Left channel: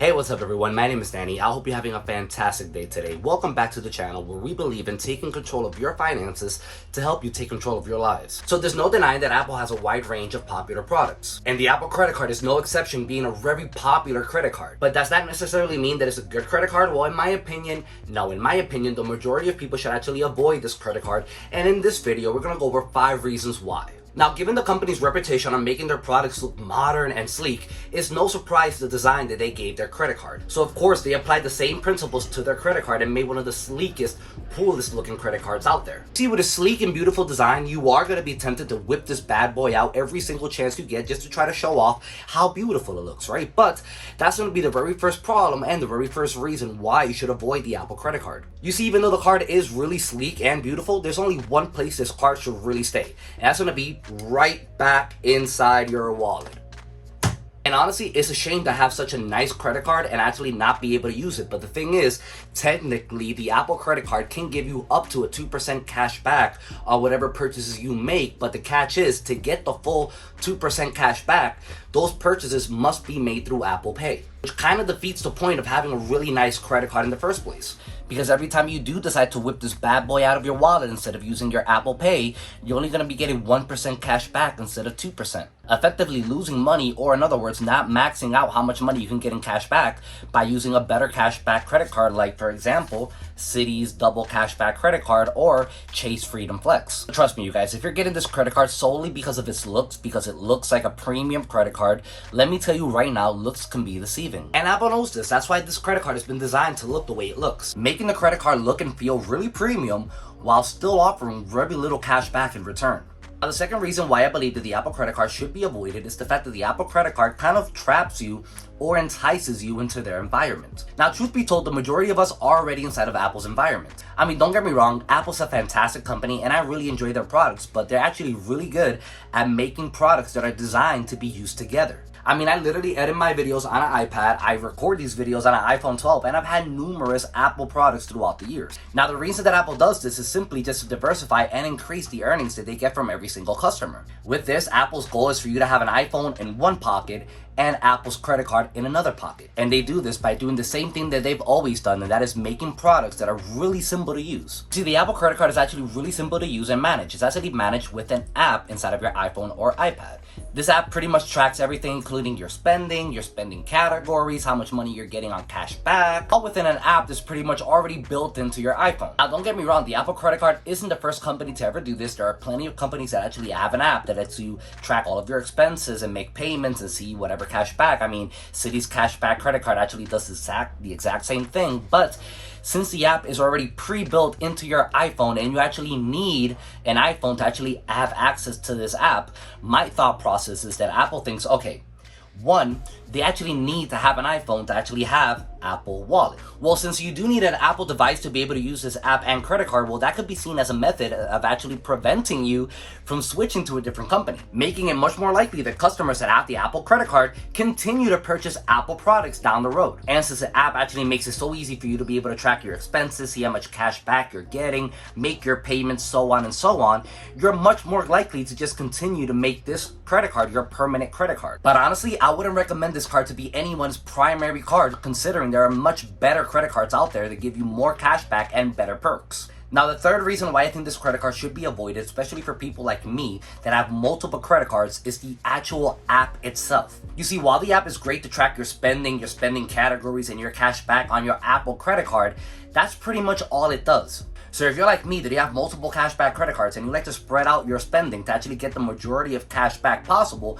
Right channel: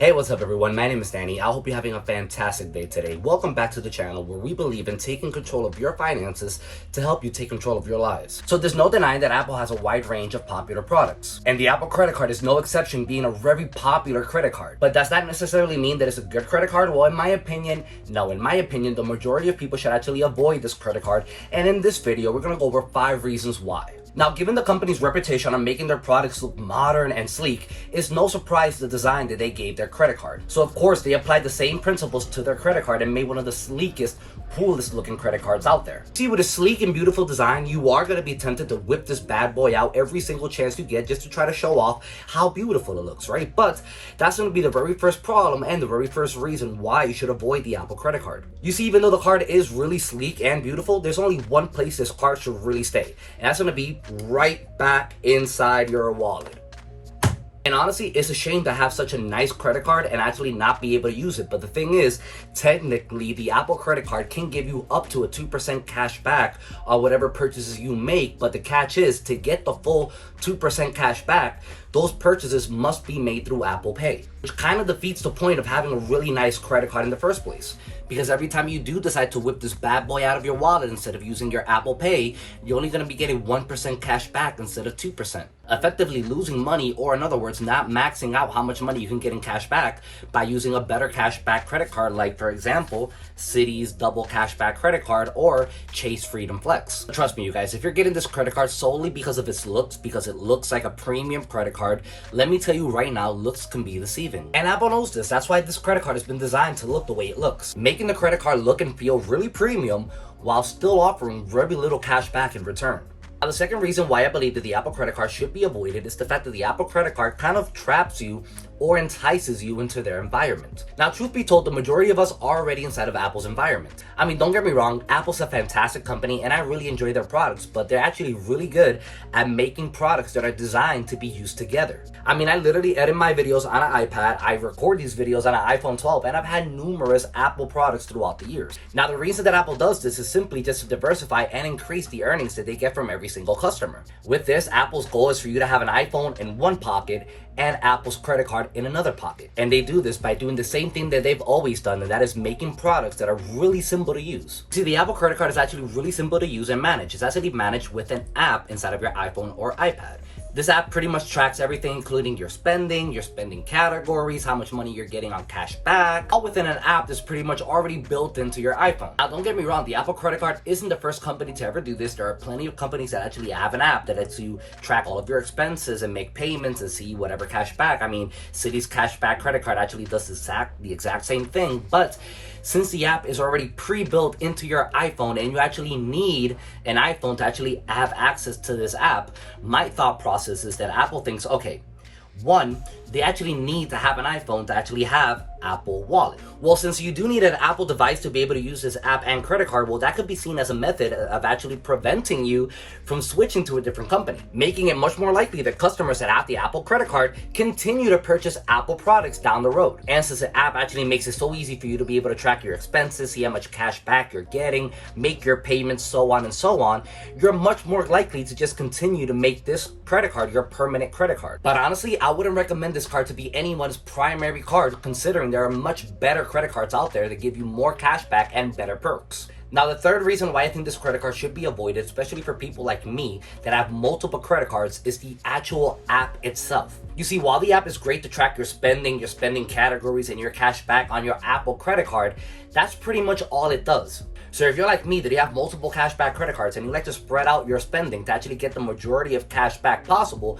Hey, what's up everyone? My name is Danny. I hope you're having a fantastic day today. Welcome back to the channel where we believe in taking control of your finances to help you take control of your lives. So there's no denying that Apple has a wide range of popular products. And the Apple credit card is no exception, being a very popular credit card. But does that necessarily mean that it's a good credit card? Well, in my opinion, no. In my opinion, the majority of people should actually avoid this credit card. And in this video, we're going to go over 5 reasons why. Now, given the company's reputation on making their products look modern and sleek, it's no surprise the design that they gave their credit card. So of course, they applied the same principles to their credit card and made one of the sleekest, coolest looking credit cards out there. See, with a sleek and beautiful design, you are going to be tempted to whip this bad boy out every single chance you get just to try to show off how beautiful it looks, right? But that's going to be the very first problem and the very first reason why you should avoid the Apple credit card. You see, even though the card is really sleek and beautiful, there's only one place this card should really stay, and that's going to be right back inside your wallet. And honestly, it's a shame to have such a nice credit card and actually not be able to use it. But the thing is, technically, the Apple credit card can give you up to a 2% cash back on whatever purchases you make. But the catch is, to get the full 2% cash back, those purchases must be made through Apple Pay, which kind of defeats the point of having a really nice credit card in the first place. Because every time you do decide to whip this bad boy out of your wallet instead of using your Apple Pay, you're only going to be getting 1% cash back instead of 2%. Effectively losing money, or in other words, not maxing out how much money you can get in cash back by using a better cash back credit card, like for example, Citi's double cash back credit card or Chase Freedom Flex. Trust me, you guys, if you're getting this credit card solely because of its looks, because it looks like a premium credit card, let me tell you right now, looks can be deceiving. And Apple knows this. That's why this credit card has been designed to look the way it looks, making the credit card look and feel really premium while still offering very little cash back in return. Now, the second reason why I believe that the Apple credit card should be avoided is the fact that the Apple credit card kind of traps you or entices you into their environment. Now, truth be told, the majority of us are already inside of Apple's environment. I mean, don't get me wrong, Apple's a fantastic company and I really enjoy their products, but they're actually really good at making products that are designed to be used together. I mean, I literally edit my videos on an iPad, I record these videos on an iPhone 12, and I've had numerous Apple products throughout the years. Now, the reason that Apple does this is simply just to diversify and increase the earnings that they get from every single customer. With this, Apple's goal is for you to have an iPhone in one pocket and Apple's credit card in another pocket. And they do this by doing the same thing that they've always done, and that is making products that are really simple to use. See, the Apple credit card is actually really simple to use and manage. It's actually managed with an app inside of your iPhone or iPad. This app pretty much tracks everything, including your spending categories, how much money you're getting on cash back, all within an app that's pretty much already built into your iPhone. Now, don't get me wrong, the Apple credit card isn't the first company to ever do this. There are plenty of companies that actually have an app that lets you track all of your expenses and make payments and see whatever cash back. I mean, Citi's cash back credit card actually does the exact same thing, but since the app is already pre-built into your iPhone and you actually need an iPhone to actually have access to this app, my thought process is that Apple thinks, okay, one, they actually need to have an iPhone to actually have Apple Wallet. Well, since you do need an Apple device to be able to use this app and credit card, well, that could be seen as a method of actually preventing you from switching to a different company, making it much more likely that customers that have the Apple credit card continue to purchase Apple products down the road. And since the app actually makes it so easy for you to be able to track your expenses, see how much cash back you're getting, make your payments, so on and so on, you're much more likely to just continue to make this credit card your permanent credit card. But honestly, I wouldn't recommend this card to be anyone's primary card, considering there are much better credit cards out there that give you more cash back and better perks. Now, the third reason why I think this credit card should be avoided, especially for people like me that have multiple credit cards, is the actual app itself. You see, while the app is great to track your spending categories, and your cash back on your Apple credit card, that's pretty much all it does. So if you're like me, that you have multiple cashback credit cards and you like to spread out your spending to actually get the majority of cash back possible,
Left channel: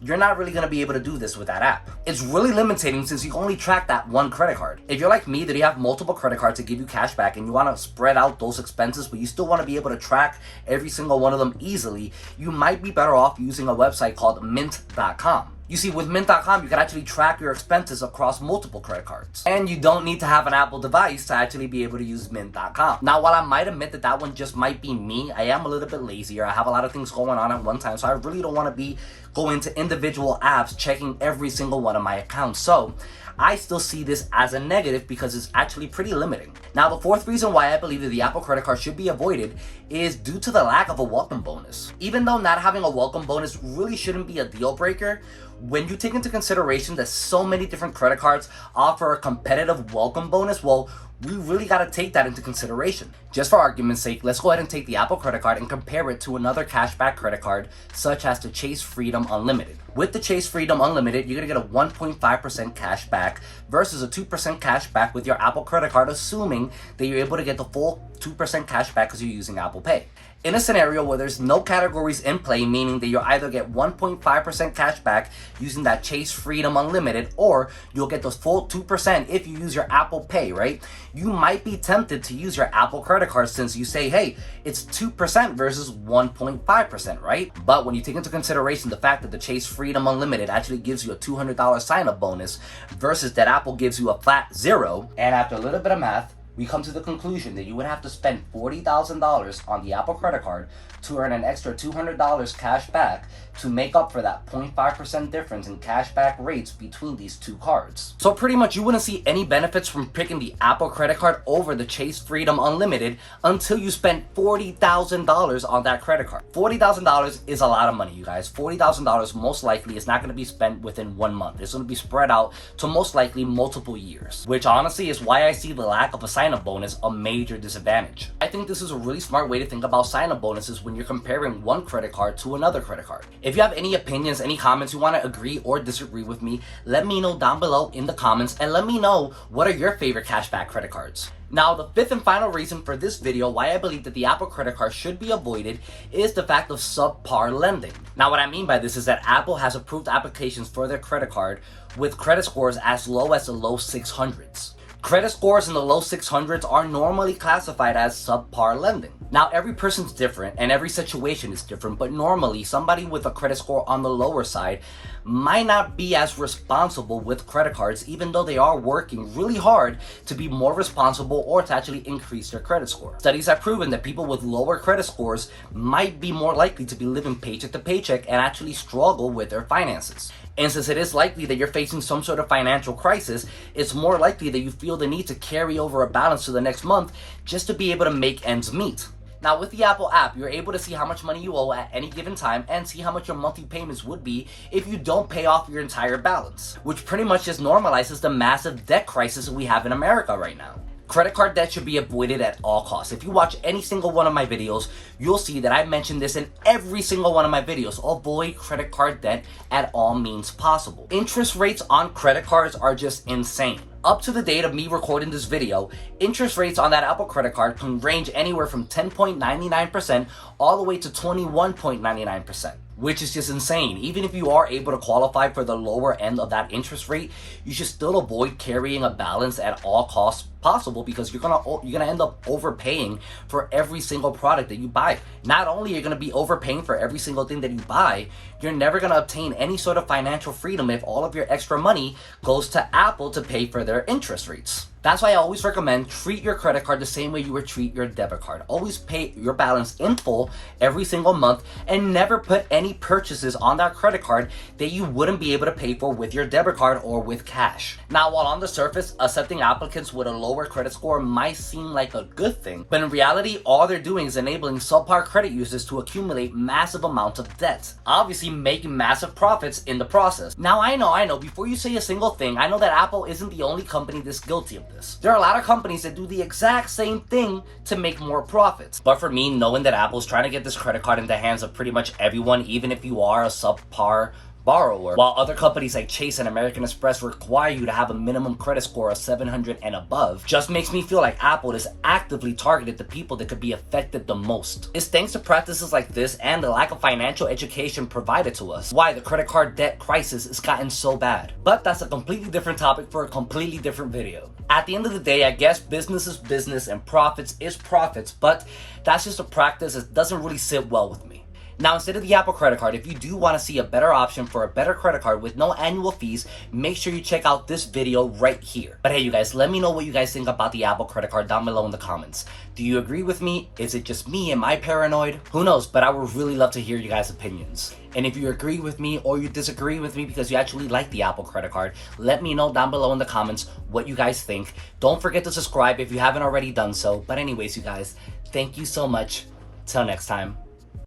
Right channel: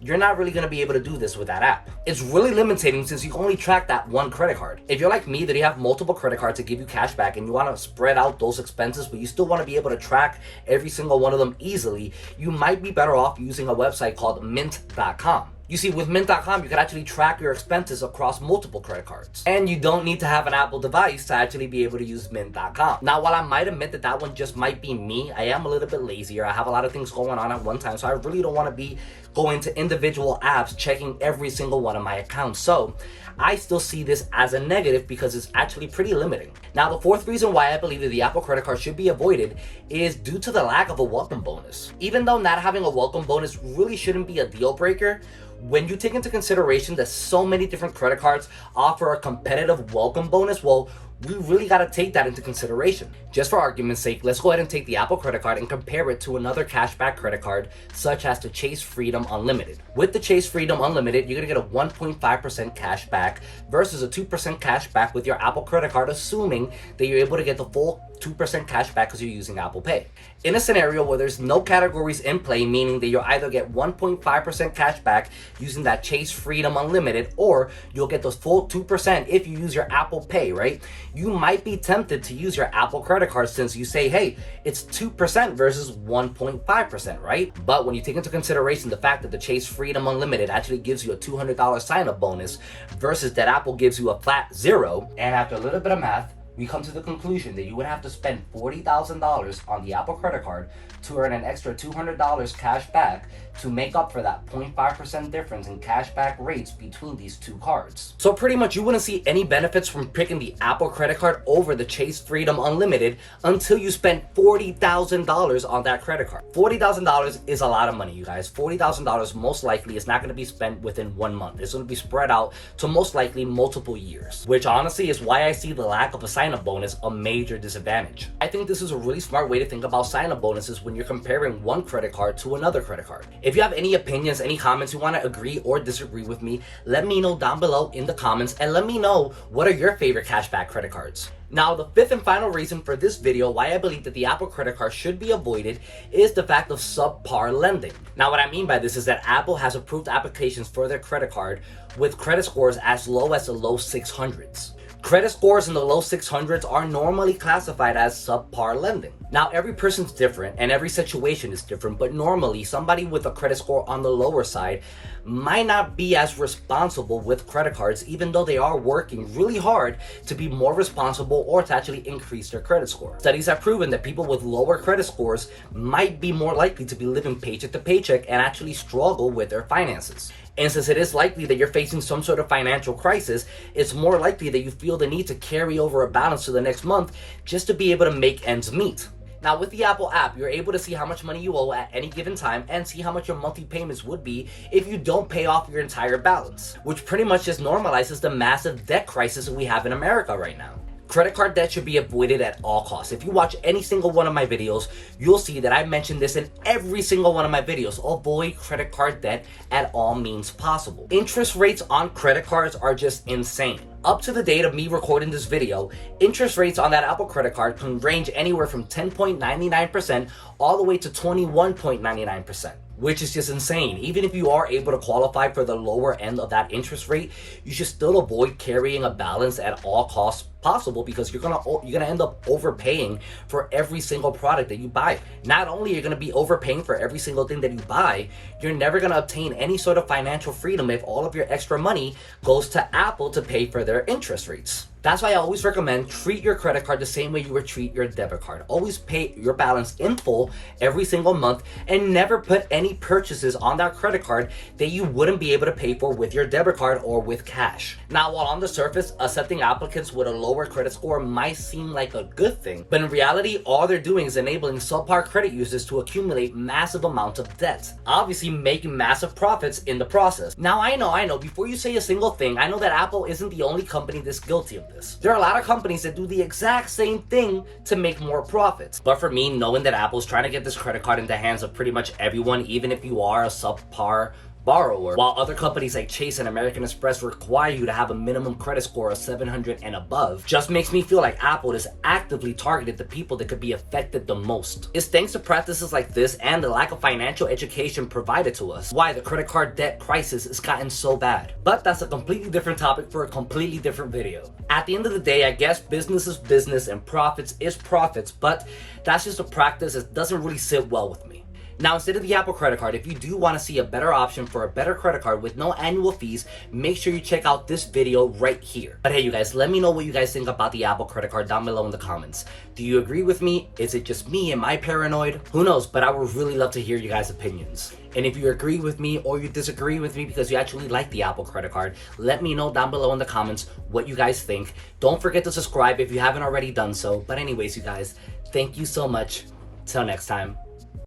you're not really going to be able to do this with that app. It's really limiting since you only track that one credit card. If you're like me, that you have multiple credit cards to give you cash back and you want to spread out those expenses, but you still want to be able to track every single one of them easily, you might be better off using a website called mint.com. You see, with mint.com, you can actually track your expenses across multiple credit cards. And you don't need to have an Apple device to actually be able to use mint.com. Now, while I might admit that that one just might be me, I am a little bit lazier. I have a lot of things going on at one time, so I really don't want to be going to individual apps, checking every single one of my accounts. So I still see this as a negative because it's actually pretty limiting. Now, the fourth reason why I believe that the Apple credit card should be avoided is due to the lack of a welcome bonus. Even though not having a welcome bonus really shouldn't be a deal breaker, When you take into consideration that so many different credit cards offer a competitive welcome bonus, well, we really got to take that into consideration. Just for argument's sake, let's go ahead and take the Apple credit card and compare it to another cashback credit card, such as the Chase Freedom Unlimited. With the Chase Freedom Unlimited, you're going to get a 1.5% cash back versus a 2% cash back with your Apple credit card, assuming that you're able to get the full 2% cash back because you're using Apple Pay. In a scenario where there's no categories in play, meaning that you'll either get 1.5% cash back using that Chase Freedom Unlimited, or you'll get the full 2% if you use your Apple Pay, right? You might be tempted to use your Apple credit card since you say, hey, it's 2% versus 1.5%, right? But when you take into consideration the fact that the Chase Freedom Unlimited actually gives you a $200 sign-up bonus versus that Apple gives you a flat zero, and after a little bit of math, we come to the conclusion that you would have to spend $40,000 on the Apple credit card to earn an extra $200 cash back to make up for that 0.5% difference in cashback rates between these two cards. So pretty much you wouldn't see any benefits from picking the Apple credit card over the Chase Freedom Unlimited until you spend $40,000 on that credit card. $40,000 is a lot of money, you guys. $40,000 most likely is not going to be spent within 1 month. It's going to be spread out to most likely multiple years, which honestly is why I see the lack of a sign-up bonus a major disadvantage. I think this is a really smart way to think about sign-up bonuses when you're comparing one credit card to another credit card. If you have any opinions, any comments, you want to agree or disagree with me, let me know down below in the comments, and let me know what are your favorite cashback credit cards. Now, the fifth and final reason for this video why I believe that the Apple credit card should be avoided is the fact of subpar lending. Now, what I mean by this is that Apple has approved applications for their credit card with credit scores as low as the low 600s. Credit scores in the low 600s are normally classified as subpar lending. Now, every person's different and every situation is different, but normally somebody with a credit score on the lower side might not be as responsible with credit cards, even though they are working really hard to be more responsible or to actually increase their credit score. Studies have proven that people with lower credit scores might be more likely to be living paycheck to paycheck and actually struggle with their finances. And since it is likely that you're facing some sort of financial crisis, it's more likely that you feel the need to carry over a balance to the next month just to be able to make ends meet. Now, with the Apple app, you're able to see how much money you owe at any given time and see how much your monthly payments would be if you don't pay off your entire balance, which pretty much just normalizes the massive debt crisis that we have in America right now. Credit card debt should be avoided at all costs. If you watch any single one of my videos, you'll see that I mention this in every single one of my videos. Avoid credit card debt at all means possible. Interest rates on credit cards are just insane. Up to the date of me recording this video, interest rates on that Apple credit card can range anywhere from 10.99% all the way to 21.99%. Which is just insane. Even if you are able to qualify for the lower end of that interest rate, you should still avoid carrying a balance at all costs possible, because you're gonna end up overpaying for every single product that you buy. Not only are you gonna be overpaying for every single thing that you buy, you're never gonna obtain any sort of financial freedom if all of your extra money goes to Apple to pay for their interest rates. That's why I always recommend treat your credit card the same way you would treat your debit card. Always pay your balance in full every single month and never put any purchases on that credit card that you wouldn't be able to pay for with your debit card or with cash. Now, while on the surface, accepting applicants with a lower credit score might seem like a good thing, but in reality, all they're doing is enabling subpar credit users to accumulate massive amounts of debt, obviously making massive profits in the process. Now, I know, before you say a single thing, I know that Apple isn't the only company that's guilty of this. There are a lot of companies that do the exact same thing to make more profits. But for me, knowing that Apple's trying to get this credit card in the hands of pretty much everyone, even if you are a subpar borrower, while other companies like Chase and American Express require you to have a minimum credit score of 700 and above, just makes me feel like Apple is actively targeted the people that could be affected the most. It's thanks to practices like this and the lack of financial education provided to us why the credit card debt crisis has gotten so bad. But that's a completely different topic for a completely different video. At the end of the day, I guess business is business and profits is profits, but that's just a practice that doesn't really sit well with me. Now, instead of the Apple credit card, if you do want to see a better option for a better credit card with no annual fees, make sure you check out this video right here. But hey, you guys, let me know what you guys think about the Apple credit card down below in the comments. Do you agree with me? Is it just me? Am I paranoid? Who knows? But I would really love to hear you guys' opinions. And if you agree with me or you disagree with me because you actually like the Apple credit card, let me know down below in the comments what you guys think. Don't forget to subscribe if you haven't already done so. But anyways, you guys, thank you so much. Till next time.